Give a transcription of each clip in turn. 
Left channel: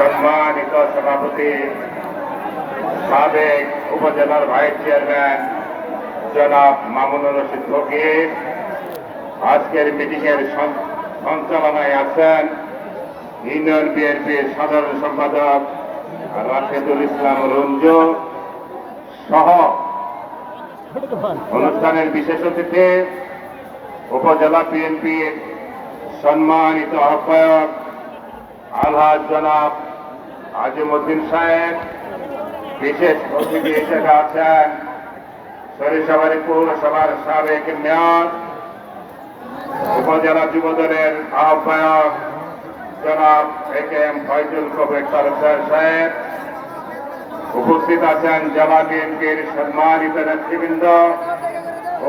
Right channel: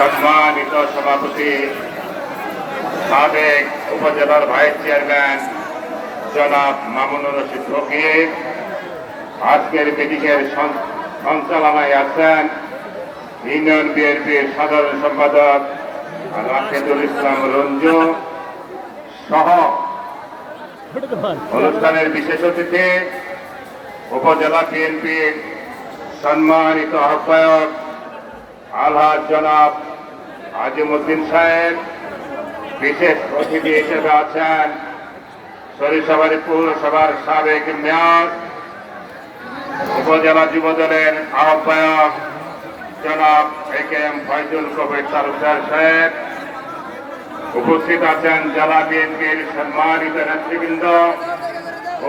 সম্মানিত সভাপতি, সাবেক উপজেলার ভাইস চেয়ারম্যান জনাব মামুনুর রশিদ ফকির। আজকের মিটিংয়ের সঞ্চ- সঞ্চালনায় আছেন ইউনিয়ন বিএনপির সাধারণ সম্পাদক রাশেদুল ইসলাম রঞ্জু সহ অনুষ্ঠানের বিশেষ অতিথি উপজেলা বিএনপির সম্মানিত আহ্বায়ক আলহাজ জনাব আজিমুদ্দিন সাহেব, বিশেষ অতিথি হিসেবে আছেন সরিষাবাড়ি পৌরসভার সাবেক মেয়র, উপজেলা যুবদলের আহ্বায়ক জনাব A K M Faizul Kabir Talukdar সাহেব, উপস্থিত আছেন জেলা বিএনপির সম্মানিত নেতৃবৃন্দ,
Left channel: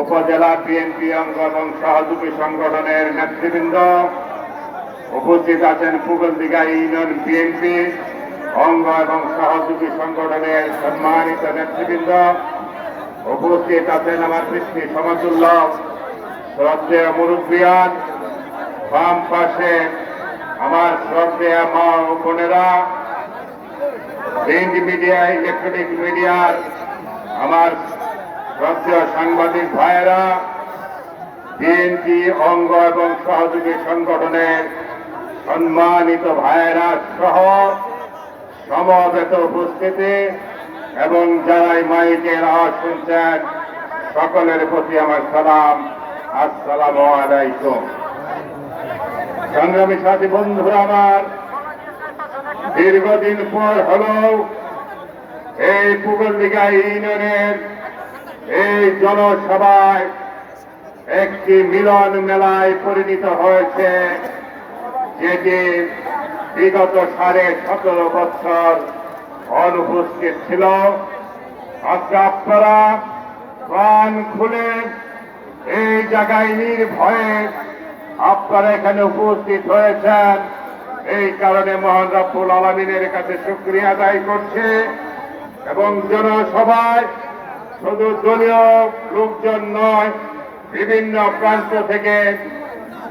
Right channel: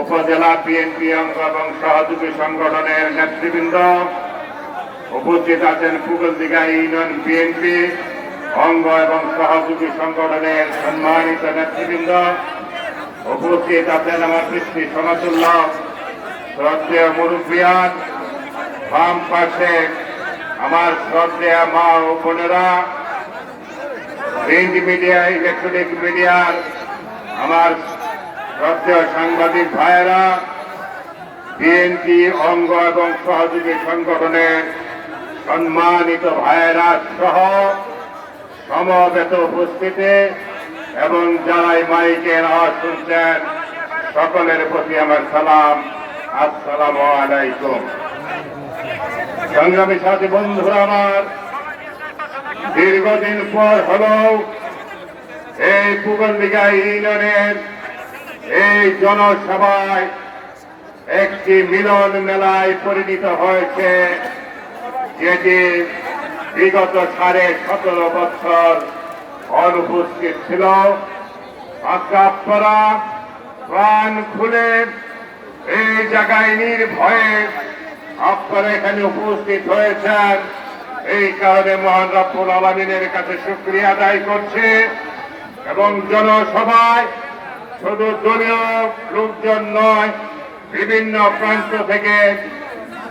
উপজেলা বিএনপি অঙ্গ এবং সহযোগী সংগঠনের নেতৃবৃন্দ, উপস্থিত আছেন ফুগলদিঘা ইউনিয়ন বিএনপি অঙ্গ এবং সহযোগী সংগঠনের সম্মানিত নেতৃবৃন্দ, উপস্থিত আছেন আমার পৃথিবী সনদুল্লাহ শ্রদ্ধেয় মুরব্বিয়ান, বাম পাশে আমার শ্রদ্ধেয় মা ও বোনেরা, প্রিন্ট মিডিয়া, ইলেকট্রনিক মিডিয়ার আমার শ্রদ্ধেয় সাংবাদিক ভাইয়েরা, বিএনপি অঙ্গ এবং সহযোগী সংগঠনের সম্মানিত ভাইয়েরা সহ সমবেত উপস্থিতি এবং যারাই মাইকের আওয়াজ শুনছেন, সকলের প্রতি আমার সালাম। আসসালামু আলাইকুম। সংগ্রামী সাথী বন্ধুরা আমার, দীর্ঘদিন পর হলেও এই পুগলদিঘা ইউনিয়নের এই জনসভায় একটি মিলন মেলায় পরিণত হয়েছে, যেটি বিগত সাড়ে সতেরো বছর অনুপস্থিত ছিল। আজকে প্রাণ খুলে এই জায়গায় নির্ভয়ে আপনারা এখানে উপস্থিত হয়েছেন। এই কারণে মহান রব্বুল আলমিনের কাছে শুক্রিয়া আদায় করছে এবং জনসভায় শুধু দলীয় লোকজন নয়, বিভিন্ন প্রান্ত থেকে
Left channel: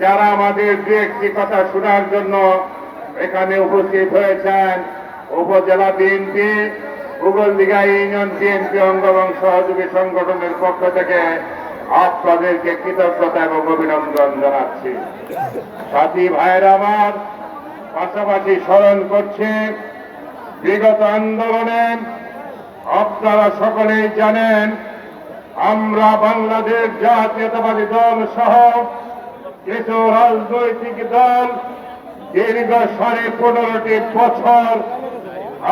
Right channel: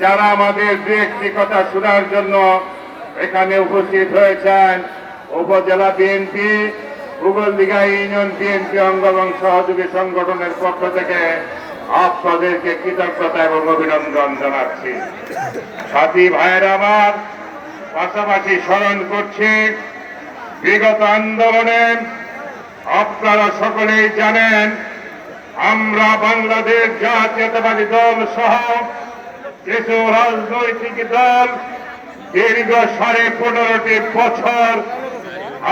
যারা আমাদের দু একটি কথা শোনার জন্য এখানে উপস্থিত হয়েছেন উপজেলা বিএনপি উগলদিঘা ইউনিয়ন বিএনপি অঙ্গ এবং সহযোগী সংগঠনের পক্ষ থেকে আপনাদেরকে কৃতজ্ঞতা এবং অভিনন্দন জানাচ্ছি। সাথী ভাইয়েরা আমার পাশাপাশি স্মরণ করছে, বিগত আন্দোলনে আপনারা সকলেই জানেন, আমরা বাংলাদেশ জাতীয়তাবাদী দল সহ কিছু রাজনৈতিক দল দীর্ঘ সাড়ে পনেরোটি বছর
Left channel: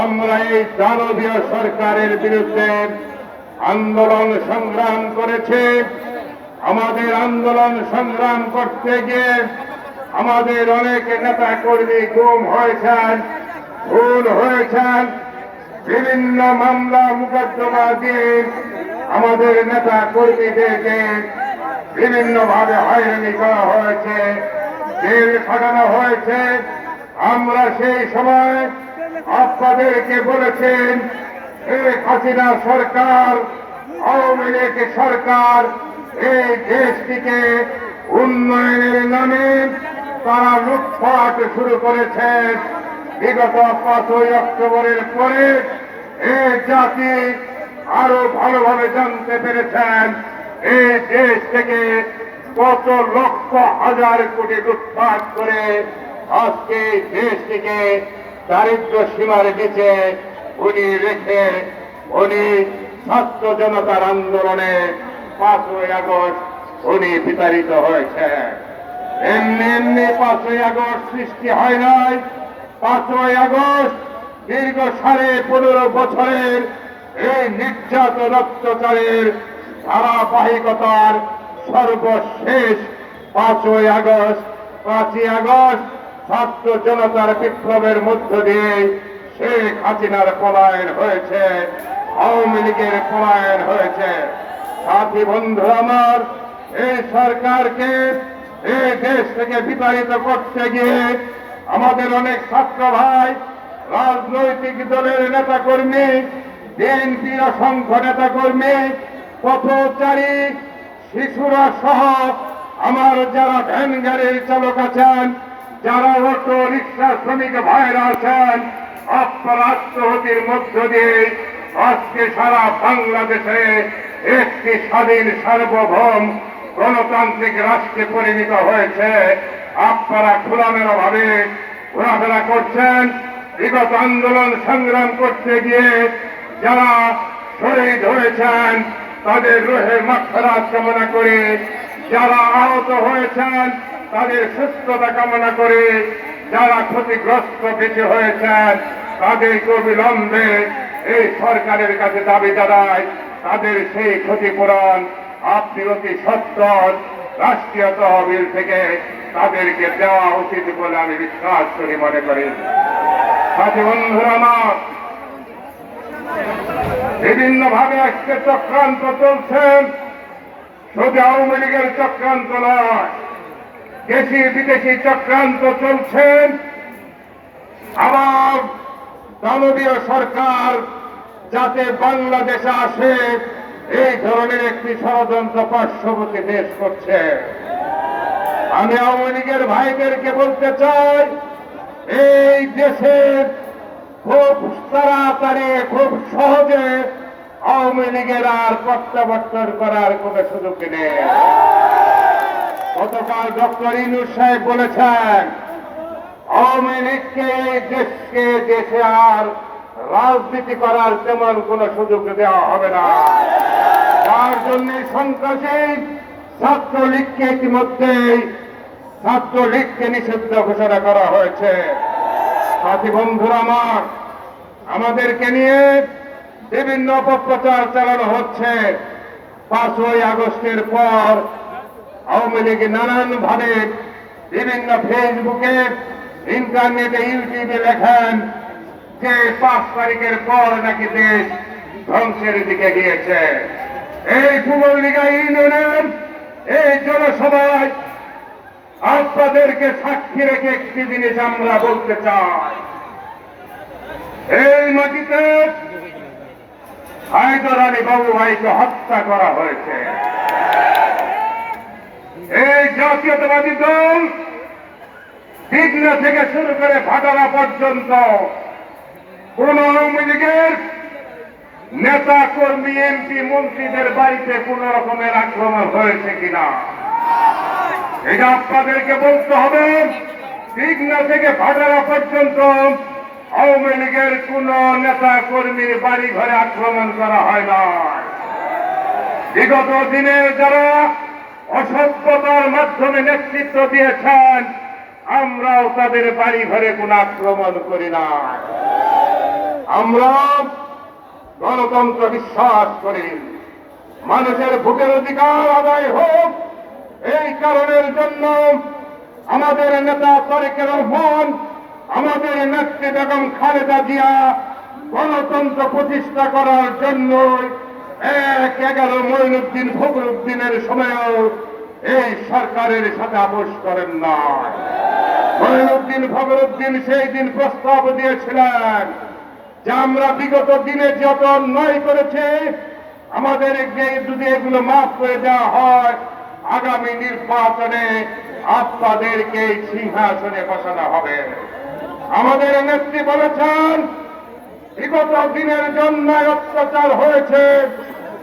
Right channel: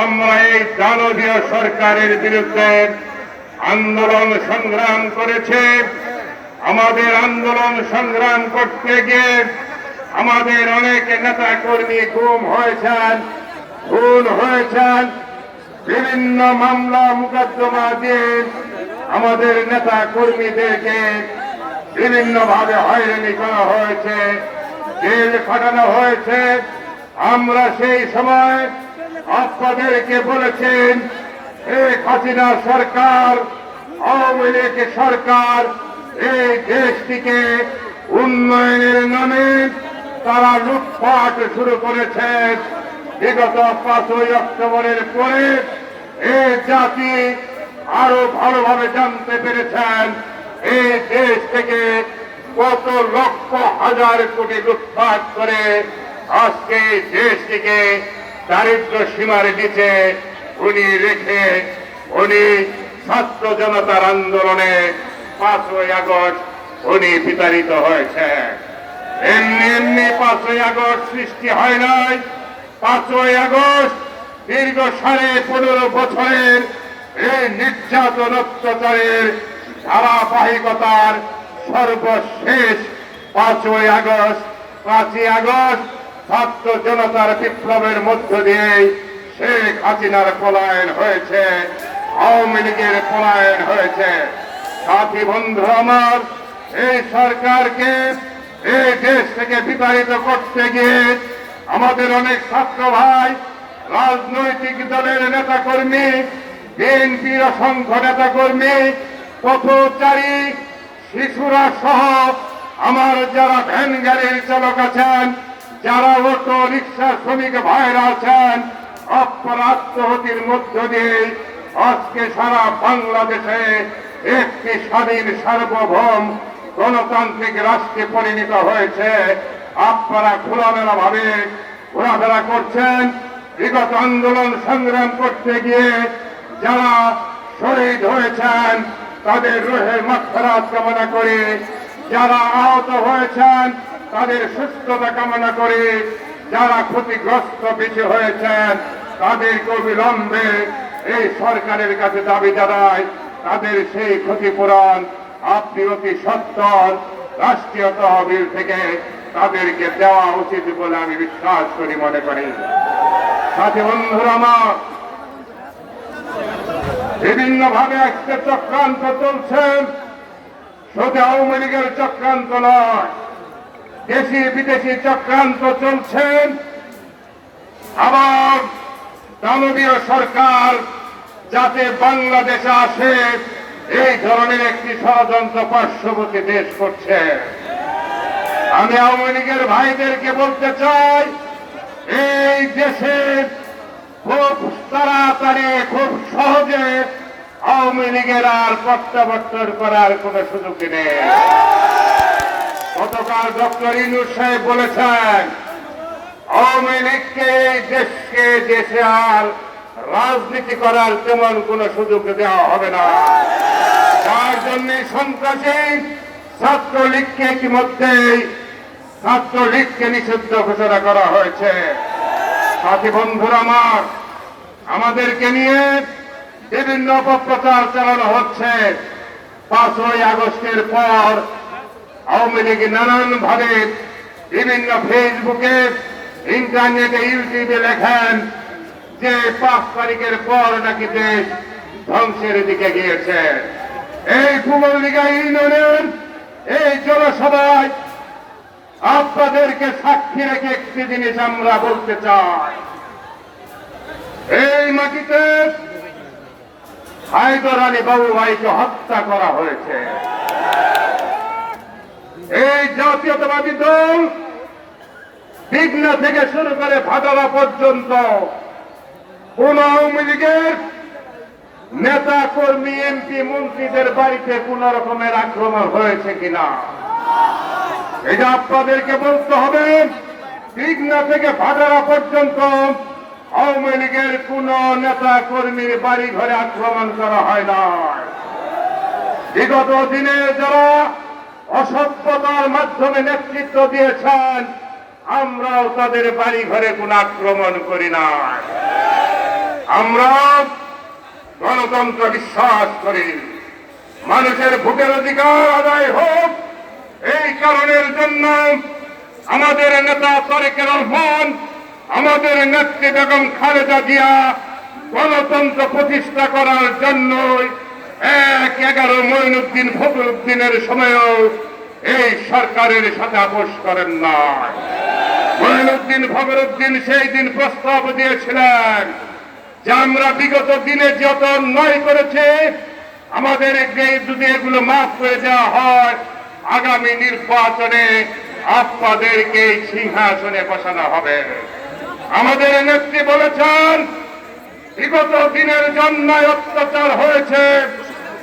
আমরা এই দানবীয় সরকারের বিরুদ্ধে আন্দোলন সংগ্রাম করেছে। আমাদের আন্দোলন সংগ্রাম করতে গিয়ে আমাদের অনেক নেতা কর্মী গুম হয়েছেন, ভুল হয়েছেন। বিভিন্ন মামলা মোকদ্দমা দিয়ে আমাদের নেতা কর্মীদেরকে বিভিন্ন ভাবে হয়রানি করা হয়েছে। জেল খাটানো হয়েছে। আমরা সেই সময় আপনাদেরকে বলেছেন, শেখ হাসিনা সরকার, আওয়ামী লীগ সরকার এই দেশটিকে উন্নয়নের নামে তারা লুটপাট শুরু করেছে। বিগত পাঁচই অক্টোবরের পরে এই জাতি আরও ভালোভাবে জানতে পেরেছেন। এই দেশ থেকে কত লক্ষ হাজার কোটি লুটপাট করে আজকে দেশটিকে দারিদ্র সীমার নিচে উনি রেখে উনি ছাত্র জনতার আন্দোলনে পাঁচই আগস্ট উনি বিতাড়িত হয়েছে। এমনি এমনি পাঁচই আগস্ট সৃষ্টি হয় নাই। পাঁচই আগস্ট দীর্ঘ সাড়ে পনেরো বছরের এই নির্যাতন অত্যাচারের ধারাবাহিকতার সর্বশেষ পাঁচই আগস্ট পাঁচই আগস্ট ছাত্র জনতার বিপ্লবের মধ্য দিয়ে শেখ হাসিনার পলায়ন হয়েছে, আওয়ামী লীগের পলায়ন হয়েছে। সাথী বন্ধু আমার এই সরকারকে এই দেশ থেকে বিতাড়িত করতে গিয়ে আমাদের অনেক ছাত্র ভাই, রাজনৈতিক দলের নেতা কর্মী বিএনপির অসংখ্য নেতা কর্মী পথচারী শিশুরা সহ আমার যারা ভ্যান গাড়ির চালক আছেন, যারা অটো রিক্সা শ্রমিক ভাইরা আছেন, আপনার আত্মহতির মধ্য দিয়ে আজকে সারা বাংলাদেশে একটি স্বাধীন সার্বভৌম গণতান্ত্রিক রাষ্ট্রে পরিণত হয়েছে। আপনারা খোলামেলা ভাবে ঘোরাফেরা করছেন, বিগত আন্দোলন সংগ্রাম করতে গিয়ে যারা শহীদ হয়েছেন তাদের রোহে মাক্ষরাত কামনা করে, যারা আহত হয়েছেন, তাদের সুস্থতা কামনা করে, যারা ক্ষতিগ্রস্ত বেঁচে হয়েছেন তাদেরকে অবিলম্বে এই সরকারের কাছে দাবি দাঁড়ায় তাদের সেই ক্ষতিপূরণ আপনি অতি সত্তর রাষ্ট্রীয় তহবিল থেকে তাদেরকে দেওয়া উচিত বলে আমি বিশ্বাস করি, মনে করি। সাথে বন্ধুরা আমার বিভিন্ন ভাবে একটা চক্রান্ত চলছে। শুধু আওয়ামী লীগের চক্রান্ত নয়, দেশি বিদেশি চক্রান্ত চলছে। আবার দানবীয় সরকার যাতে বাংলাদেশে আসে, এই ধরনের একটি ষড়যন্ত্র পার্শ্ববর্তী দেশ করছে। আমি আওয়ামী লীগের ভাইদেরকে বলতে চাই, এই দেশে খুব তাড়াতাড়ি, খুব সহজে আওয়ামী লীগের আর প্রত্যাবর্তন করার কোনো সুযোগ নেই। গতকাল ডক্টর ইনুর সাহেব বলেছেন, আওয়ামী লীগকে দেশকে, দেশে আর রাজনীতি করার তেমন কোনো সুযোগ দেওয়া হবে না। তার জন্য সন্ত্রাসী ছাত্রলীগকে ইতিমধ্যেই ছাত্রলীগকে নিষিদ্ধ ঘোষণা করা হয়েছে। সাথী বন্ধুরা আমার, আমাদেরকে নিয়ে বিভিন্ন অপপ্রচার চালানো হচ্ছে। পাঁচই আগস্টের পর আওয়ামী লীগ নানান ভাবে বিভিন্ন ফেসবুকে, ইন্টারনেটে, ইউটিউবে লেখেন যে পাঁচ তারিখের পর নাকি দেশ ধ্বংসের দিকে গিয়েছে। এই কুমল্লিকা ইউনিয়নের, এই জনসভায় আপনাদেরকে সাক্ষী রেখে একটি জিনিস আমরা বলতে চাই। এই মাটিতে হায়দর আলী বাবু ভাইকে হত্যা করা হয়েছে। এই জাতীয়তাবাদী দল বিঘ্ন থেকে শুরু করে ভাটারা পর্যন্ত কোন আওয়ামী লীগের নেতা, কর্মী, এমপি, মন্ত্রীদের বাড়িতে কোন রকমের আক্রমণ হয়েছে কিনা? এটা আপনাদেরকে বলতে হবে, বিঘ্ন থেকে ভাটারা পর্যন্ত আওয়ামী লীগের কোন নেতা কর্মীর বাড়ি ঘরে আক্রমণ করা হয় না। বিগত দিনে যারা অসভ্যতার মাধ্যমে নেতৃত্ব দিয়েছেন, আমরাও তাদের বাড়ি ঘরে কোন আক্রমণ করি না। আমরা গণতন্ত্র বিশ্বাস করি। মানুষের ভোটের অধিকার আদায় হোক এই কারণের জন্য আমাদের নেতা তারেক রহমান আমাদের নেত্রী বেগম খালেদা জিয়া গণতন্ত্র প্রতিষ্ঠা করার জন্য এক এগারো মঈনুদ্দিন ফখরুদ্দিনের সময়ও এই সরকারের সাথে আপোষ করেন না মঈনুদ্দিন ফখরুদ্দিন সেই দিন প্রস্তাব দিয়েছিলেন যে আমরা বিগত দিনে যত অন্যায় করেছে, আমাদের যদি এগুলো মাফ হয়ে দেওয়া হয় আগামী নির্বাচনে আপনাদেরকে সিংহাসনে বসানো হবে। আমাদের নেত্রী বলেছেন, বিগত দিনের জন্য অত্যাচার হয়েছে।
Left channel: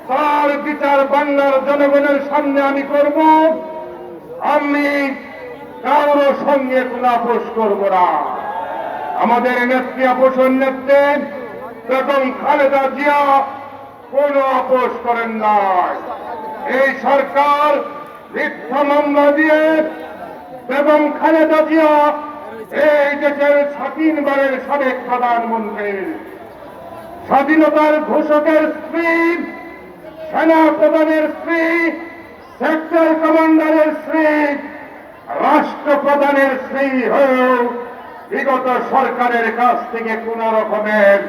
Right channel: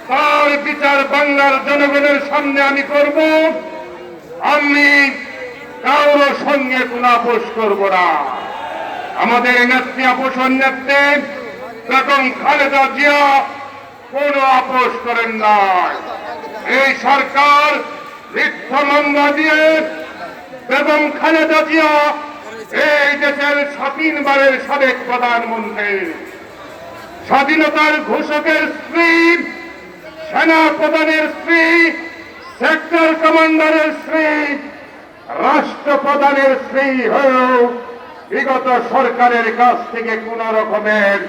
তার বিচার বাংলার জনগণের সামনে আমি করব। আমি কারোর সঙ্গে কোন আপোষ করব না। আমাদের নেত্রী আপোষণ নেত্রী বেগম খালেদা জিয়া কোন আপোষ করেন না এই সরকার মিথ্যা মামলা দিয়ে বেগম খালেদা জিয়া এই দেশের স্বাধীনবারের সাবেক প্রধানমন্ত্রী। স্বাধীনতার ঘোষকের স্ত্রী, সেনা প্রধানের স্ত্রী, সেক্টর কমান্ডারের স্ত্রী, রাষ্ট্রপ্রধানের স্ত্রী হয়েও বিগত সরকারের কাছ থেকে কোন রকমের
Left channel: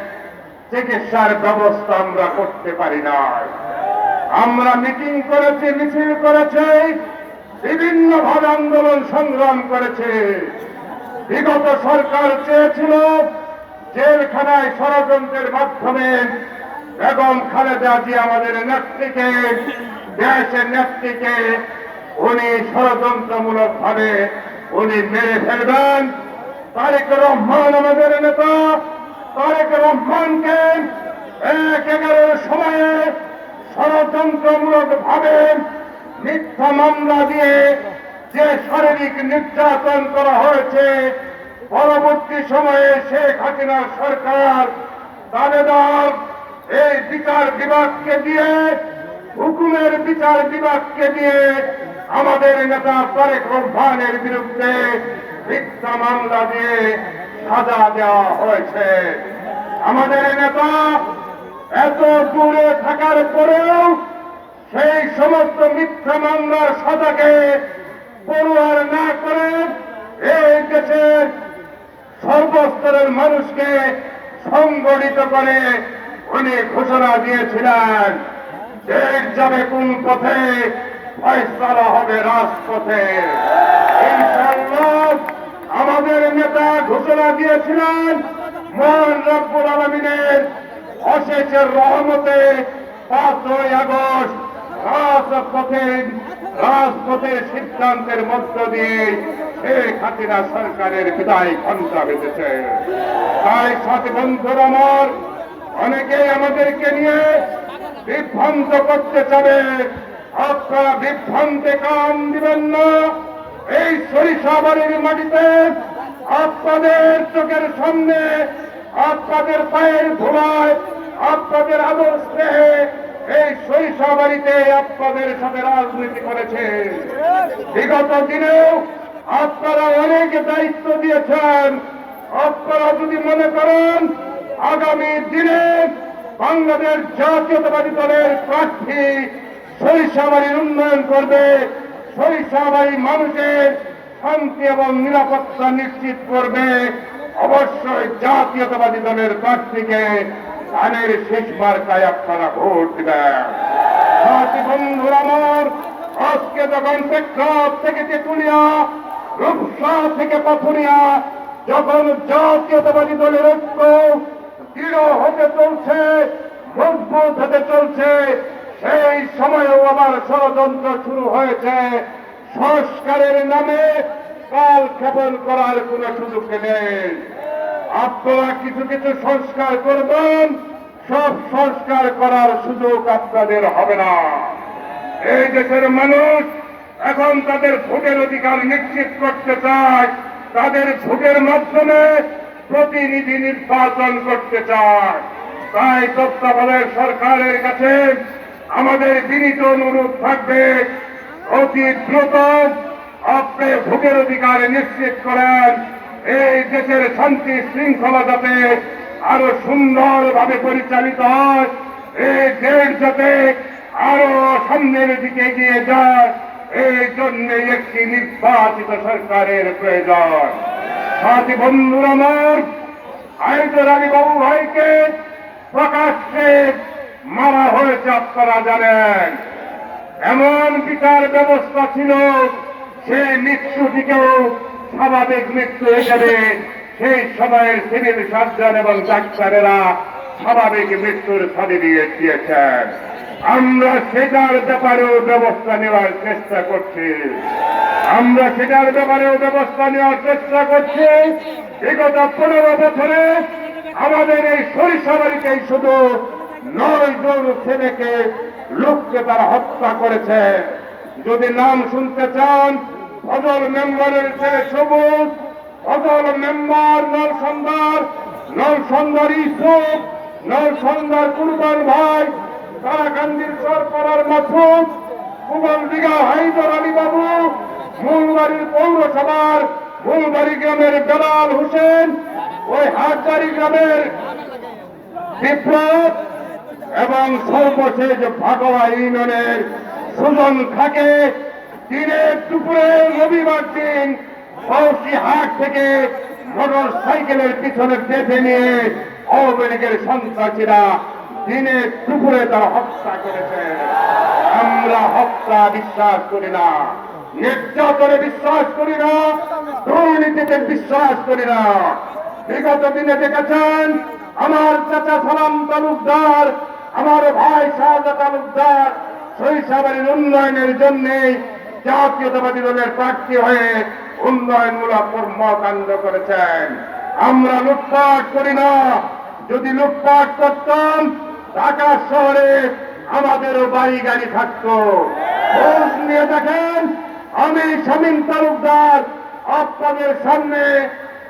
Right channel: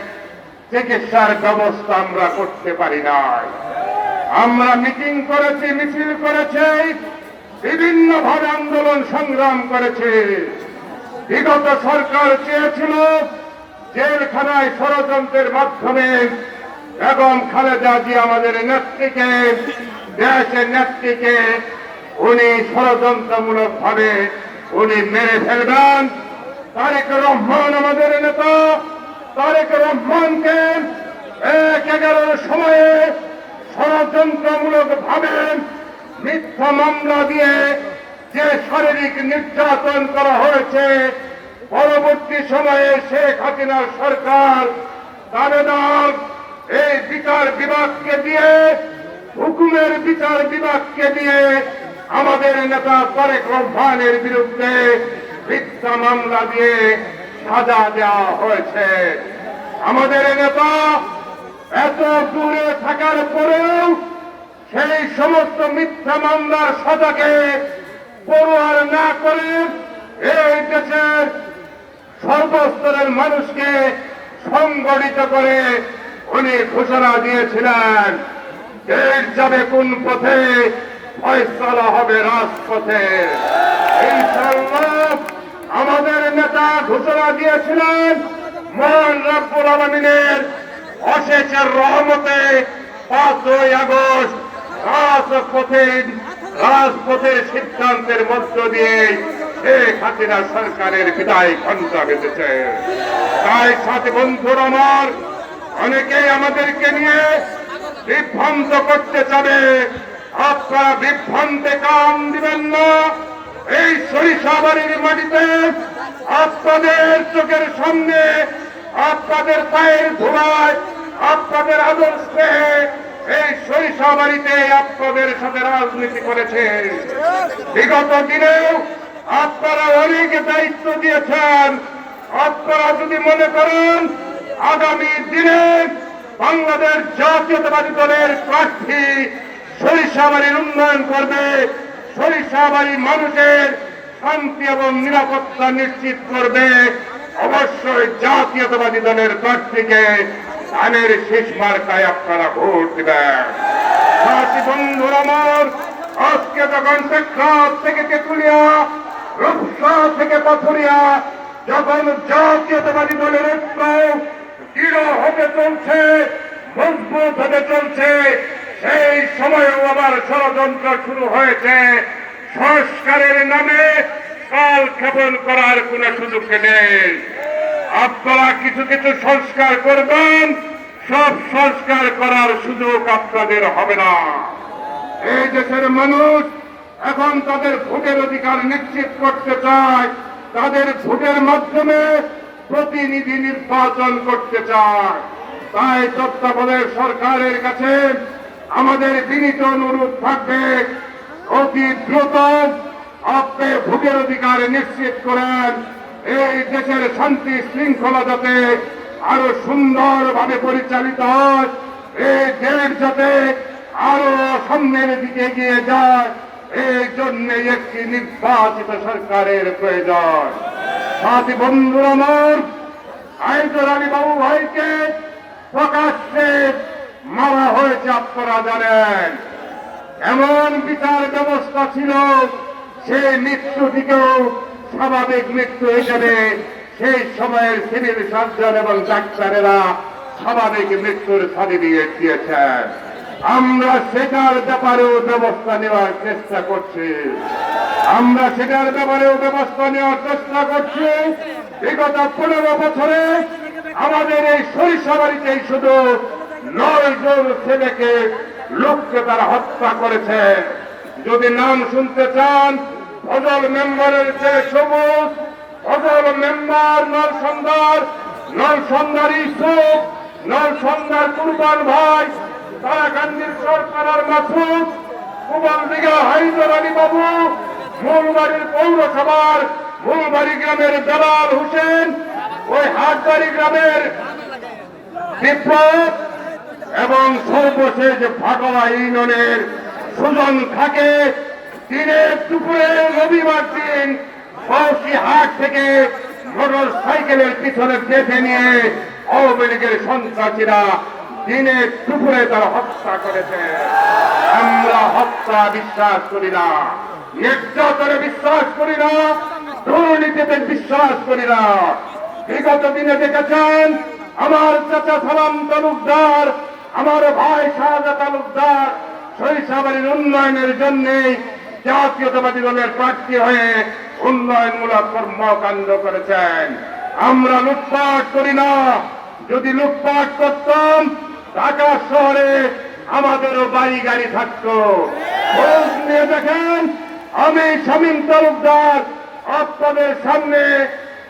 চিকিৎসার ব্যবস্থা আমরা করতে পারি না আমরা মিটিং করেছি, মিছিল করেছি, বিভিন্ন ভাবে আন্দোলন সংগ্রাম করেছে। বিগত সরকার চেয়েছিল জেলখানায় ষড়যন্ত্রের মাধ্যমে বেগম খালেদা জি আমাদের নেত্রীকে, দেশের নেত্রীকে উনি ষড়যন্ত্রমূলক ভাবে উনি মেরে ফেলবেন। তারেক রহমান আমাদের নেতা, তারেক রহমানকে এক এগারোর সময়ে ষড়যন্ত্রমূলক ভাবে মিথ্যা মামলা দিয়ে যে শারীরিক নির্যাতন করা হয়েছে, পরবর্তী সময়ে শেখ হাসিনা সরকার তালেদার এই বিচার বিভাগকে দিয়ে, হুকুমের বিচার বিভাগকে দিয়ে আমাদের নেতা তারেক রহমানের বিরুদ্ধে মিথ্যা মামলা দিয়ে সাজা দেওয়া হয়েছে। আমাদের নেতা এত দূরে থাকার পরেও সেই সমস্ত মিথ্যা মামলার সাজাকে পড়ুয়ার না করে এই দেশের সর্বস্তরের মানুষকে সংগঠিত করে উনি ঘোষণা দিয়েছিলেন দেশ যাবে কোন পথে, ফয়সালা হবে রাজপথে। আমাদের নেতা ঘোষণা দিয়েছিলেন, মহান রব্বুল আলমিনের অশেষের রহমতে পাঁচই আগস্ট রাজপথে রাজপথের সিদ্ধান্তের মধ্য দিয়ে শেখ হাসিনা সরকারের বিদায় ঘণ্টা বেঁধেছে। তাই সাথী বন্ধুর আমার, অনেকে আমাদেরকে নিয়ে বিভ্রান্ত করতে চাবে। আপনারা বিভ্রান্তে কান দিবেন না। এই সরিষাবাড়ির মাটিতে আপনাদের চোখের সামনে, আপনাদের পায়ের ধোলায় আপনাদের আদর স্নেহে এই সরিষাবাড়িতে আপনাদের সাথে রাজনীতি করেছে। বিগত দিনেও আপনারা অনেক দায়িত্ব দিয়েছেন। আপনারা যদি মনে করেন, আগামী দিনে বাংলাদেশ জাতীয়তাবাদী দলের প্রার্থী সরিষাবাড়ির উন্নয়ন করবে। সরিষাবাড়ি মানুষের শান্তি এবং নিরাপত্তা নিশ্চিত করবে। অবশ্যই জাতীয়তাবাদী দলের প্রার্থীকে ধানের শেষ মার্কায় আপনারা ভোট দিবেন। বন্ধুর আমার, আজকে যখন প্রেক্ষাপ থেকে তেতুলিয়া, রূপসা থেকে পাথুরিয়া যখন জাতীয়তাবাদী দলের ঐক্য দৃঢ় হতে চলছে, মজবুত হতে চলছে। সেই সময়েও আমার ষড়যন্ত্র শুরু হয়েছে। সংস্কারের নামে কাল ক্ষেপণ করার কোন সুযোগ নেই। আপনারা কিছু কিছু সংস্কার করবেন, সব সংস্কার করার সুযোগ আপনাদের হবে না। এই দেশের মানুষ এখন তাদের ভোটের অধিকার নিশ্চিত করতে চায়, তাদের ভোটের মাধ্যমে প্রতিনিধি নির্বাচন করতে চায়। তাই তত্ত্বাবধায়ক সরকারের কাছে আমাদের বিনীত অনুরোধ থাকবে, অতি দ্রুত আপনি ভোটের অধিকার নিশ্চিত করেন। এই দেশের শান্তি শৃঙ্খলা যাতে আরও সুন্দরভাবে পরিচালিত হয়, এই দেশ যাতে আরও সামনের দিকে এগিয়ে যায়, এই জন্য একটি নির্বাচিত সরকারের প্রয়োজন। সাথী বন্ধুর আমার আলী বাবু ভাইকে প্রকাশ্যে মারা হয়েছে আপনারা জানেন। এমন বিচার ব্যবস্থা ছিল, সে মৃত্যু থেকেও স্বাভাবিক মৃত্যু হিসেবে সেই সময়ের সিভিল সার্জন এবং ডাক্তারেরা স্বাভাবিক মৃত্যুর সার্টিফিকেট দিয়েছেন। আমরা সেটার ব্যাপারেও ব্যবস্থা নেওয়ার চেষ্টা করছি। আমরা সেটার ব্যাপারেও ব্যবস্থা নেওয়ার চেষ্টা করছি। বিগত পনেরো বছরে আমাদের এই সরিষা বাড়িতেই শুধু নয় জন ছেলেকে লোককে তারা হত্যা করেছে। যদি নাম শুনতে চান ফজল মেম্বারের চেয়ে সবুজ, অদল মেম্বার সন্ধ্যার ইসুফ নল সন্ধ্যার কুরবান ভাই তারাকান্দির সরকার মাসুদ কুমার দিঘা হাইদর আলী বাবু, মূলবাড়ির পৌরসভার মূলবাড়ি গ্রামের বেলাল হোসেন, ওই হাটবাড়ি গ্রামের বিপ্লব এবং সর্বশেষ ভাগোয়া ইউনিয়নের সুজন থাকে দিনের দুপুরে রবিবার দিন বৌসি হাট থেকে মোটর সাইকেলের পিছনে চেপে নিয়ে আওয়ামী লীগের সন্ত্রাসীরা দিনে দুপুরে তারা হত্যা করেছে। আমরা হত্যা বিশ্বাস করি না, নির্যাতনে বিশ্বাস করি না, দুর্নীতিতে বিশ্বাস করি না। বিগত দিনে দেখেছেন, আমার চাচা সালাম তালুকদার, আমার ভাই শাহজা তালুকদার সরিষাবাড়ির উন্নয়নের জন্য জাতীয়তাবাদী দলের প্রার্থী হয়ে উন্নয়নমূলক কর্মকাণ্ড করেছেন। আমরা লুটপাট করি না। যদি লুটপাট করতাম, ঢাকা শহরে আমাদেরও বাড়ি গাড়ি থাকতো নিয়ে দেখেন, আমি শামীম তালুকদার আপনাদের সামনে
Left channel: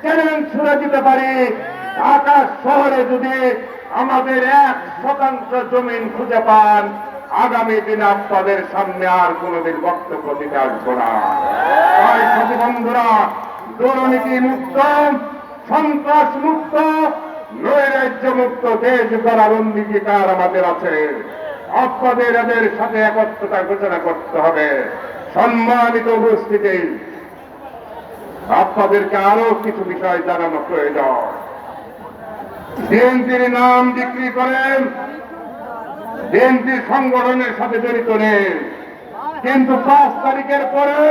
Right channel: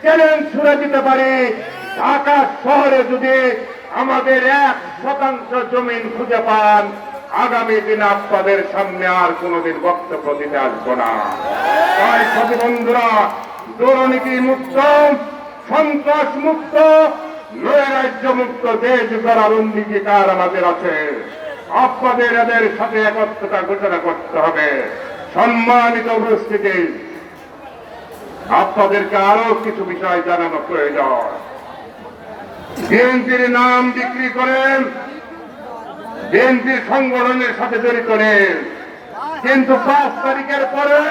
চ্যালেঞ্জ ছুড়ে দিতে পারি। ঢাকা শহরে যদি আমাদের এক শতাংশ জমিন খুঁজে পান আগামী দিনে আপনাদের সামনে আর কোনোদিন বক্তব্য দিতে আসব না। তাই সাথী বন্ধুরা, দুর্নীতি মুক্ত, সন্ত্রাস মুক্ত, নৈরাজ্য মুক্ত, দেশ গড়ার অঙ্গীকার আমাদের আছে। আপনাদের এদের সাথে একত্রতা ঘোষণা করতে হবে। সম্মানিত উপস্থিতি, আপনাদেরকে আরও কিছু বিষয় জানানো প্রয়োজন। বিএনপির নাম বিক্রি করেন বিএনপির সংগঠনের সাথে জড়িত নেই। কিন্তু পাঁচ তারিখের পরে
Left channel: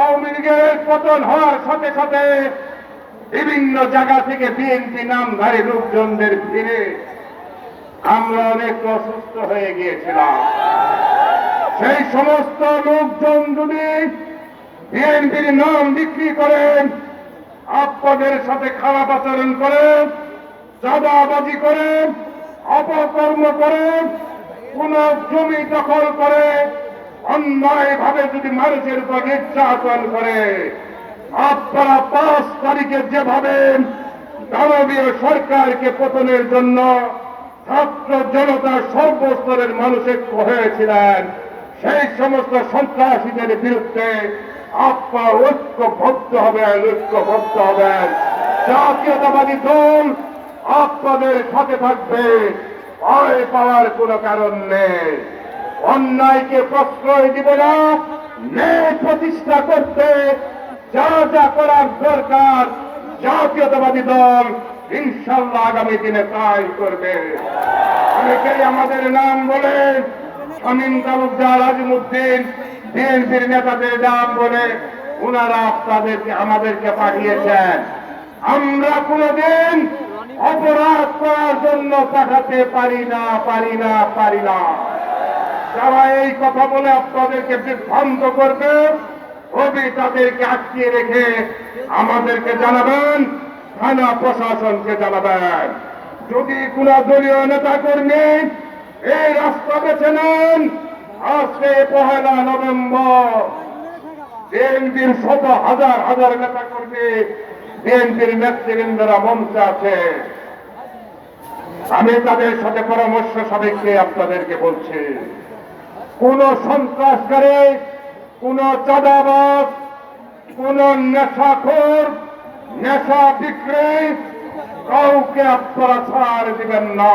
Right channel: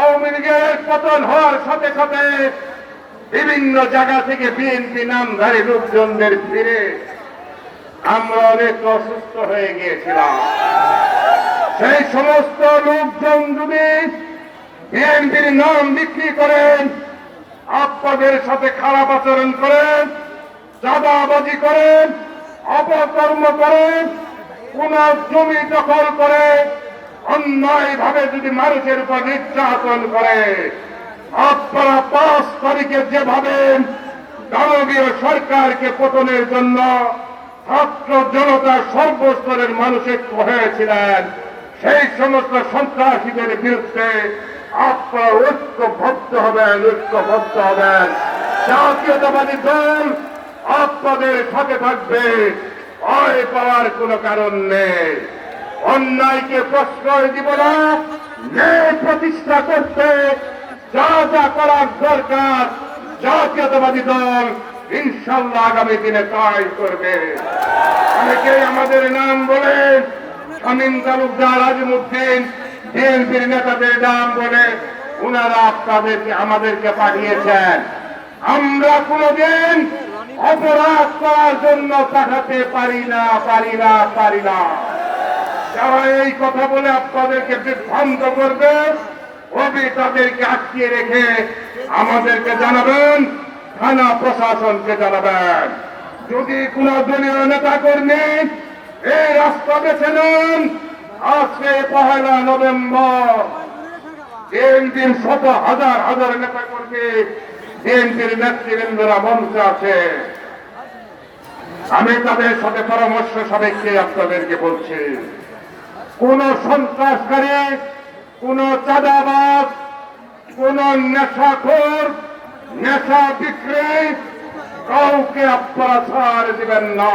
আওয়ামী লীগের পতন হওয়ার সাথে সাথে বিভিন্ন জায়গা থেকে বিএনপি নামধারী লোকজনদের ফিরে আমরা অনেক অসুস্থ হয়ে গিয়েছিলাম। সেই সমস্ত লোকজন যদি বিএনপির নাম বিক্রি করেন, আপনাদের সাথে খারাপ আচরণ করেন, চাঁদাবাজি করেন অপকর্ম করেন কোন জমি দখল করে অন্যায় ভাবে যদি মানুষের উপর নির্যাতন করে, আপনারা পাঁচ তারিখে যেভাবে দানবীয় সরকারকে পতনের জন্য ছাত্র জনতা সর্বস্তরের মানুষের হয়েছিলেন, সেই সমস্ত সন্ত্রাসীদের বিরুদ্ধে আপনারা ঐক্যবদ্ধ হবেন ঐক্যবদ্ধ হবেন। জাতীয়তাবাদী দল আপনাদের সাথে থাকবে ভয় পাওয়ার কোনো কারণ নেই। অন্যায়কে প্রশ্রয় দিব না, ন্যায় প্রতিষ্ঠা করতে যা যা করার দরকার, জাতীয়তাবাদী দল ইনশাল্লাহ আগামী দিনে তাই করবে। অনেকে আমাদের নাম বলে, শামীম তালুকদার আজিমুদ্দিন, বিএনপির নেতাদের নাম বলে ওনারা আপনাদেরকে, আমাদেরকে পাঠিয়েছেন। আমরা কোনদিন অপরাধ করার জন্য পাঠাতে পারি না পারি না পারি না। যারা এই কথা বলে আপনাদেরকে বিভ্রান্ত করবে কবি তাদেরকে আটকিয়ে রেখে আমাদেরকে জানাবেন, থানা প্রশাসনকে জানাবেন। যদি কোন দলীয় নেতা কর্মী এই রাস্তা বেছে নেন, আজকে পহেলা নভেম্বর বিএনপির শত হাজার হাজার নেতা কর্মী বিএনপির নেতৃবৃন্দরা মঞ্চে আছে। আমি তাদের সাথে পরামর্শ সাপেক্ষে আপনাদেরকে বলছি, কোন সন্ত্রাসকারী, কোন চাঁদাবাজ, কোন নেশাখোর, নেশা বিক্রি কাউকে আপনারা ছাড় দিবেন না।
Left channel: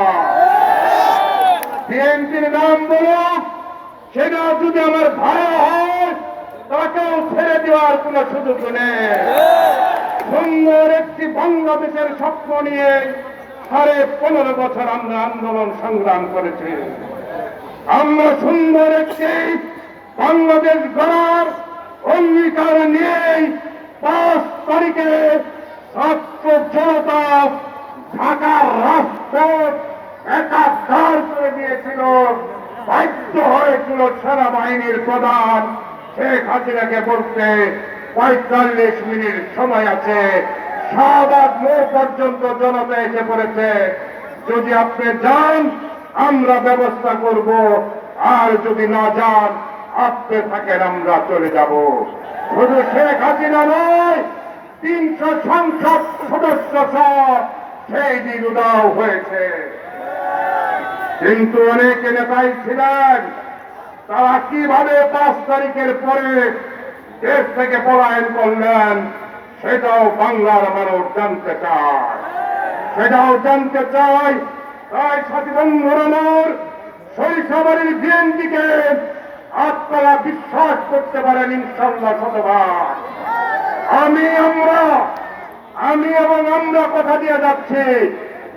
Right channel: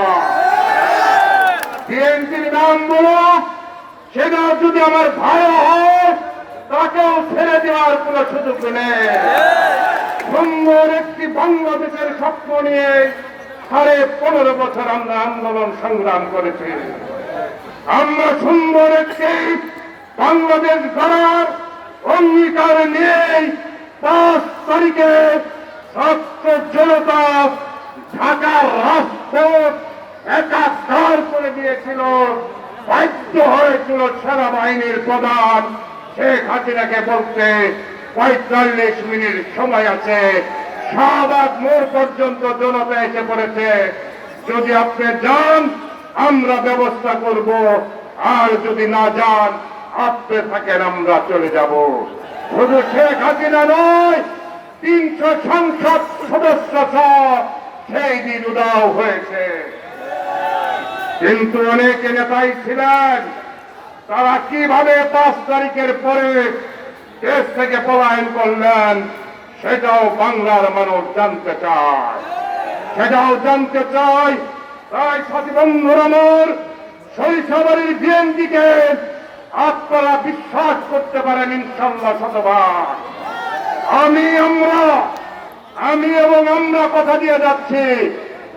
বিএনপির নাম বলুক, সেটা যদি আমার ভাই হয়, তাকেও ছেড়ে দেওয়ার কোন সুযোগ নেই। সুন্দর একটি বাংলাদেশের স্বপ্ন নিয়ে সাড়ে পনেরো বছর আমরা আন্দোলন সংগ্রাম করেছি। আমরা সুন্দর একটি বাংলাদেশ গড়ার অঙ্গীকার নিয়ে পাঁচ তারিখে ছাত্র জনতা ঢাকার রাজপথ একাকার করে দিয়েছিল, বাধ্য হয়েছিল সেনাবাহিনীর প্রধান শেখ হাসিনাকে বলতে পঁয়তাল্লিশ মিনিট সময় আছে। শাহবাগ মোড় পর্যন্ত জনতা এসে পড়েছে। যদি আপনি যান, আমরা ব্যবস্থা করব। আর যদি না যান, আপনি থাকেন, আমরা চলে যাব। শুধু শেখ হাসিনা নয়, তিনশো সংসদ সদস্য সেই দিন উদাও হয়েছে। কিন্তু অনেকে নেতাই ছিলেন, তারা কীভাবে পাঁচ তারিখের পরে দেশ থেকে পলায়ন করলেন, সেটাও বাংলার মানুষ জানতে চায়। সেটাও জানতে চাই তাই সাথী বন্ধুর আমার, শৈশবের বিএনপিকে আপনারা বিশ্বাস করতে পারেন ইনশাল্লাহ শতভাগ। আমি, আমরা, আমি এবং আমরা কথা দিয়ে যাচ্ছি,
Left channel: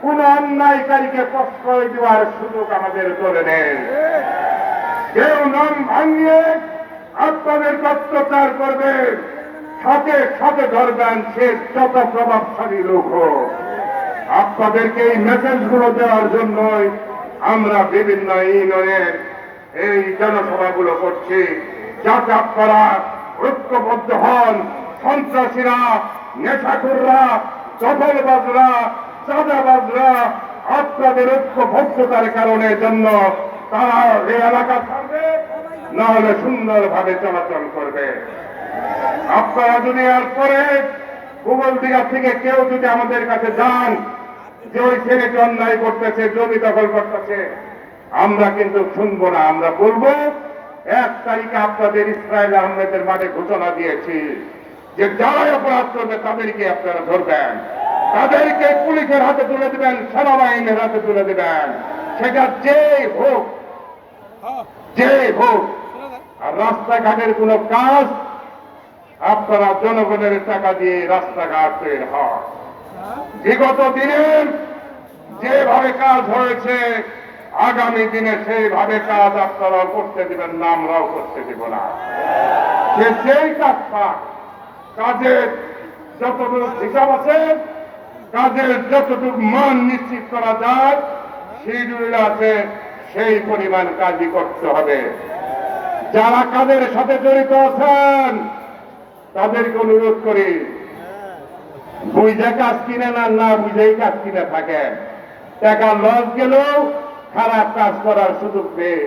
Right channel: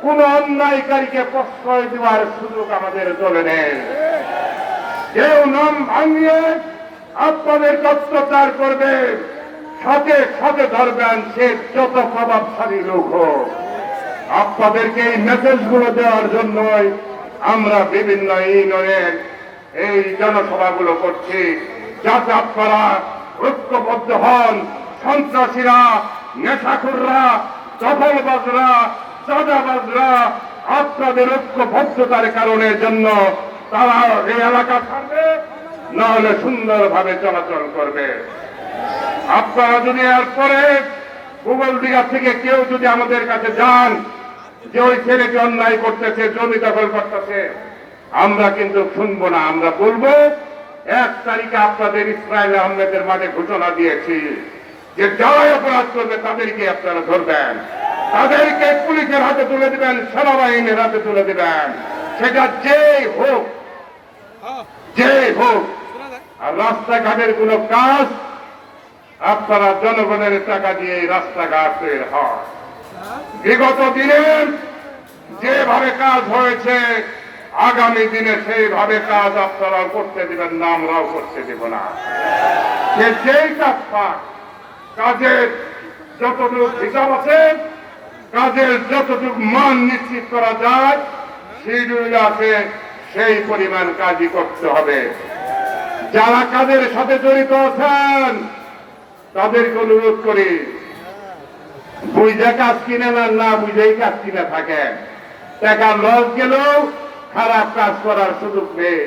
কোন অন্যায়কারীকে প্রশ্রয় দেওয়ার সুযোগ আমাদের দলে নেই। কেউ নাম ভাঙিয়ে আপনাদের অত্যাচার করবে সাথে সাথে ধরবেন সে যত প্রভাবশালী লোক হোক। আপনাদেরকে এই মেসেজগুলো দেওয়ার জন্যই আমরা বিভিন্ন ইউনিয়নের এই জনসভাগুলো করছি, যাতে আপনারা ঐক্যবদ্ধ হন। সন্ত্রাসীরা, নেশাখুররা, দখলবাজরা, চাঁদাবাজরা, আপনাদের ঐক্যবদ্ধতার কারণের জন্য তারা এই এলাকা ছাড়বে। না হলে সুন্দরভাবে চলাচল করবে। আপনারা যদি এরপরে গুগল দিঘা থেকে কেউ যদি আমাদের কাছে যান, যে ওই ছেলেটি অন্যায় করতেছে, জমি দখল করতেছে, আমরা কিন্তু শুনব না, আমরা বলব, এক তারিখে আপনাদের ইসরায়েল আহমেদের মাঠে ঘোষণা দিয়েছি যে যারাই অপরাধ করবে, তাদেরকে আপনারা ধরবেন। তাদেরকে পুলিশের হাতে তুলে দিবেন, সেনাবাহিনীর হাতে তুলে দিবেন। সেটা যেই হোক। যেই হোক, আর রাস্তাঘাটের কোনো কাজ, আপনারা জনগণের টাকা দিয়ে রাস্তাঘাট তৈরি হয় বিগত দিনে যেভাবে কাজ হয়েছে, আগামী দিনে সেইভাবে কাজ আপনারা করতে দিবেন না, আমরাও করতে দিব না। যেই কাজ পাক, কাজের যতটুকু হিসাব আছে, কাজের যতটুকু মান নিশ্চিত করা যায় শিডিউল আছে সেই পরিমাণ কাজই করতে হবে। যারা কাজের সাথে জড়িত আছেন, তাদেরকে অনুরোধ করি বুঝে কাজ কিনে না না বুঝেই কাজ কিনে থাকে টাকা লস গেলেও খারাপ কাজ করার সুযোগ নেই।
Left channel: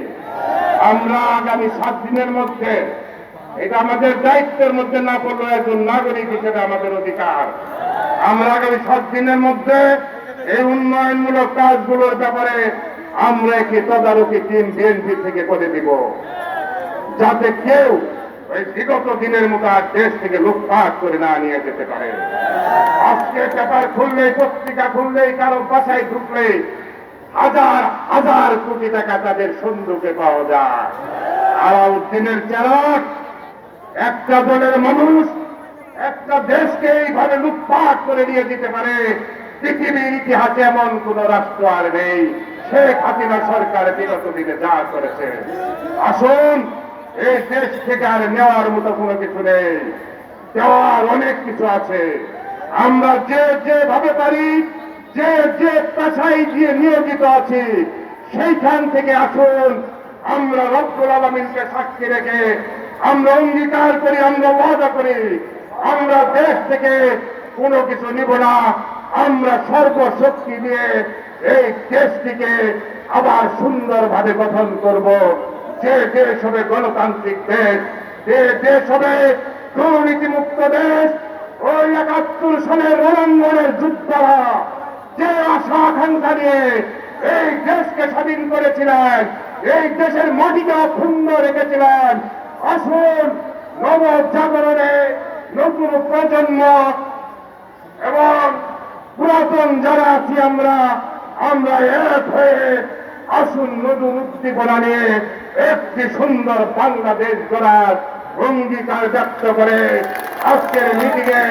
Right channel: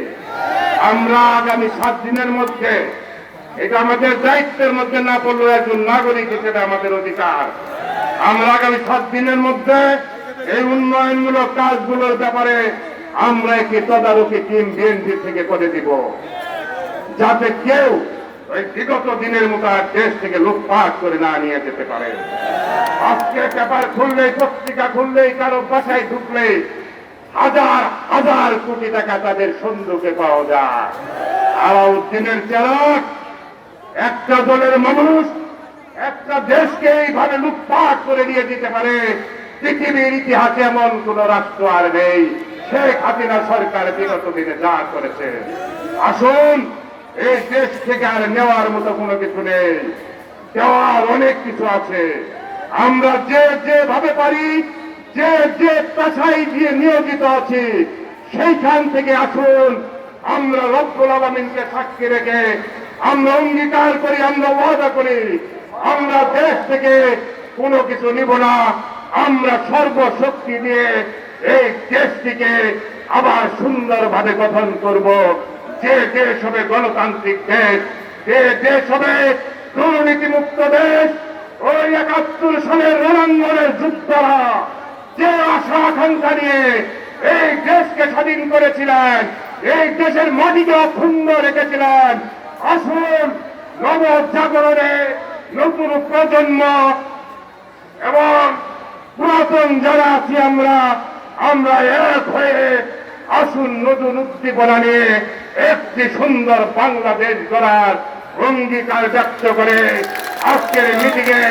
আমরা আগামী সাত দিনের মধ্যে, এটা আমাদের দায়িত্বের মধ্যে না পড়লেও একজন নাগরিক হিসেবে আমাদের অধিকার। আমরা আগামী সাত দিনের মধ্যে এই উন্নয়নমূলক কাজগুলোর ব্যাপারে আমরা একটি তদারকি টিম বিএনপি থেকে করে দিব। যাতে কেউ ওই বিগত দিনের মতো আর দেশ থেকে লুটপাট করে না নিয়ে যেতে পারে। আজকে পেপার খুললেই, পত্রিকা খুললেই, কারও বাসায় ঢুকলেই হাজার হাজার কোটি টাকা তাদের সন্দুকে পাওয়া যায়। আলাউদ্দিনের চেরাক একটা দলের মানুষ, একটা দেশকে এইভাবে লুটপাট করে নিয়ে দিতে পারে। পৃথিবীর ইতিহাসে এমন কোন রাষ্ট্র আর নেই। শেখ হাসিনা সরকার বিগত দিনে যা করেছে, আসুন, এই দেশ থেকে আর নেওয়ার মতো কোনো কিছু নেই। দেওয়ার অনেক কিছু আছে। আমরা যে যেভাবে পারি, যে যে পেশায় দিয়ে নিয়োজিত আছি, সেইখান থেকে আসুন। আমরা রব্বুল আলমিনকে সাক্ষী রেখে আমরা অঙ্গীকার করি, আমরা ওয়াদা করি। আমরা দেশ থেকে কোনো কিছু নিব না। আমরা সর্বশক্তি দিয়ে এই দেশটিকে আবার সুন্দরভাবে গঠন করব। যে দেশ হবে গণতান্ত্রিক দেশ, যে দেশ হবে দুর্নীতিমুক্ত দেশ, ওই একাত্তর সালের রণাঙ্গনের যুদ্ধরা যে আশা আকাঙ্ক্ষা নিয়ে এই দেশকে স্বাধীন করেছিলেন, এই দেশের মাটিকে অক্ষুণ্ণ রেখেছিলেন, আসুন নবজাগরণে নতুন প্রজন্ম এবং পুরাতন যারা আছি আমরা আমরা এক হয়ে আসুন নতুন উদ্দীপনা নিয়ে একটি সুন্দর বাংলাদেশ গড়ার অঙ্গীকার ব্যক্ত করে আজকের মিটিংয়ে